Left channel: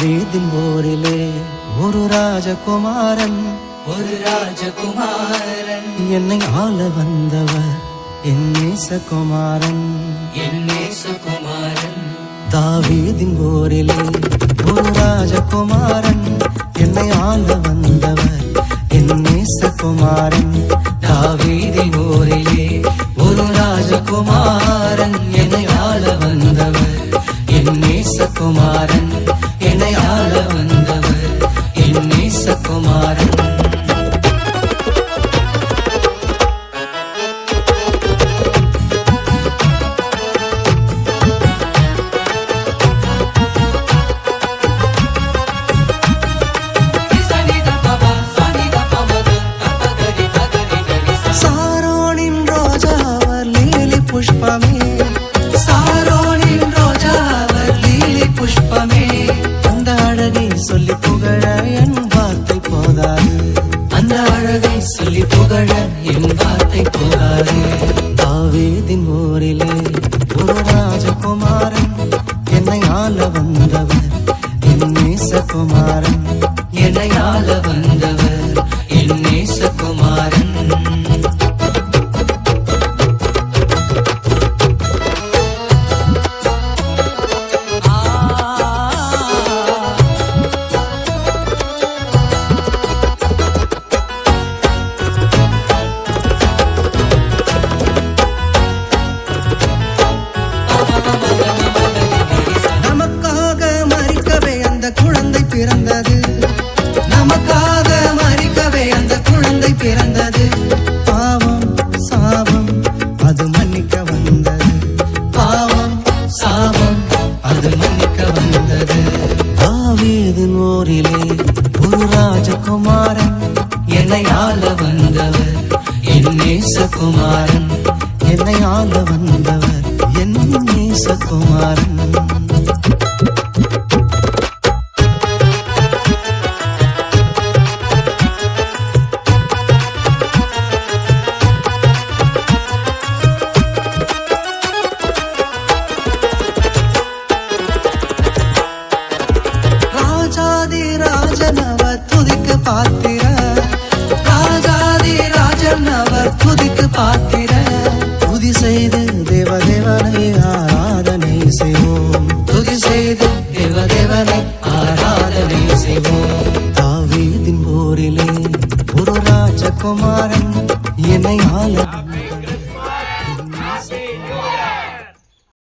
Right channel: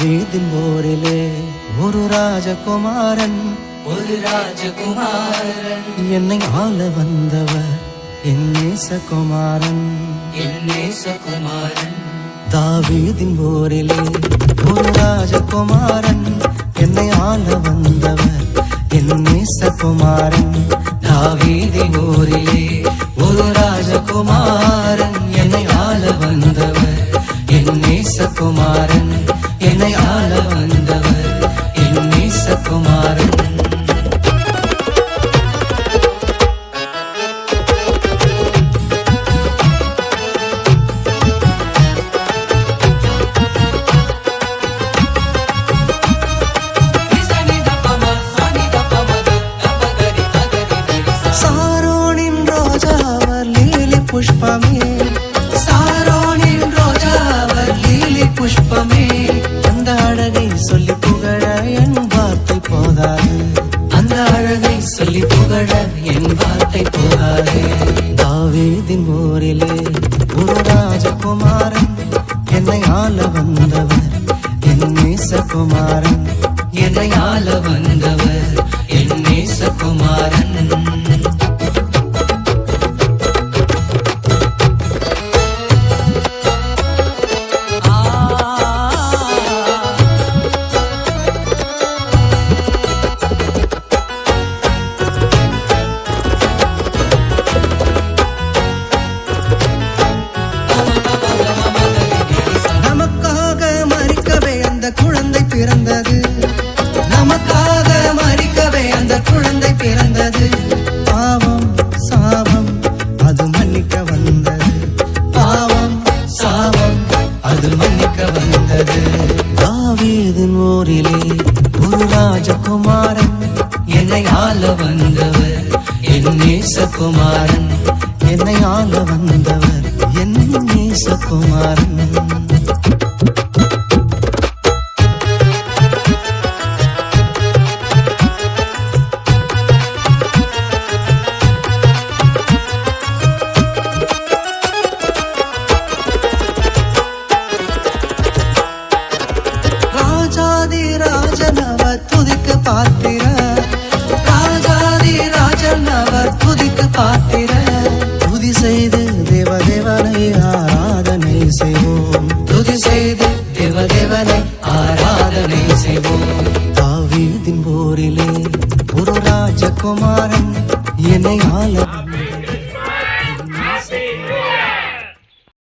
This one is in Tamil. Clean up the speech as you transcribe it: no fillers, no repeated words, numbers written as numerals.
தாவீதின் போரிலே ஒரு ராஜகுமாரன் என்னை ஆள வந்தவர் என் நேசகுமாரன். தாவீதின் போரிலே ஒரு ராஜகுமாரன் என்னை ஆள வந்தவர் என் நேசகுமாரன். தாவீதின் போரிலே ஒரு ராஜகுமாரன் என்னை ஆள வந்தவர் என் நேசகுமாரன். என்னை ஆள வந்தவர் என் நேசகுமாரன். சாரோனின் ரோஜா அவர் லீலி புஷ்பமே, சாரோனின் ரோஜா அவர் லீலி புஷ்பமே. அந்த அழகை சொல்லி புகழ என் வார்த்தை போதாது, அந்த அழகை சொல்லி புகழ என் வார்த்தை போதாது. தாவீதின் போரிலே ஒரு ராஜகுமாரன் என்னை ஆள வந்தவர் என் நேசகுமாரன். என்னை ஆள வந்தவர் என் நேசகுமாரன். நமக்காக மரிக்கவே அந்த குழந்தை பிறந்தது, நமக்காக மரிக்கவே அந்த குழந்தை பிறந்தது. பாவம் சாபம் அது மன்னிக்க வந்தது, பாவம் சாபம் அது மன்னிக்க வந்தது. தாவீதின் போரிலே ஒரு ராஜகுமாரன் என்னை ஆள வந்தவர் என் நேசகுமாரன். என்னை ஆள வந்தவர் என் நேசகுமாரன். ராஜாதி ராஜன் அவர் துதிக்கு பாத்திர, ராஜாதி ராஜன் அவர் துதிக்கு பாத்திர. துதி செய்து தேவதேவனை ஆராதனை செய்வோம், துதி செய்து தேவதேவனை ஆராதனை செய்வோம். தாவீதின் போரிலே ஒரு ராஜகுமாரன் என்னை ஆள வந்தவர்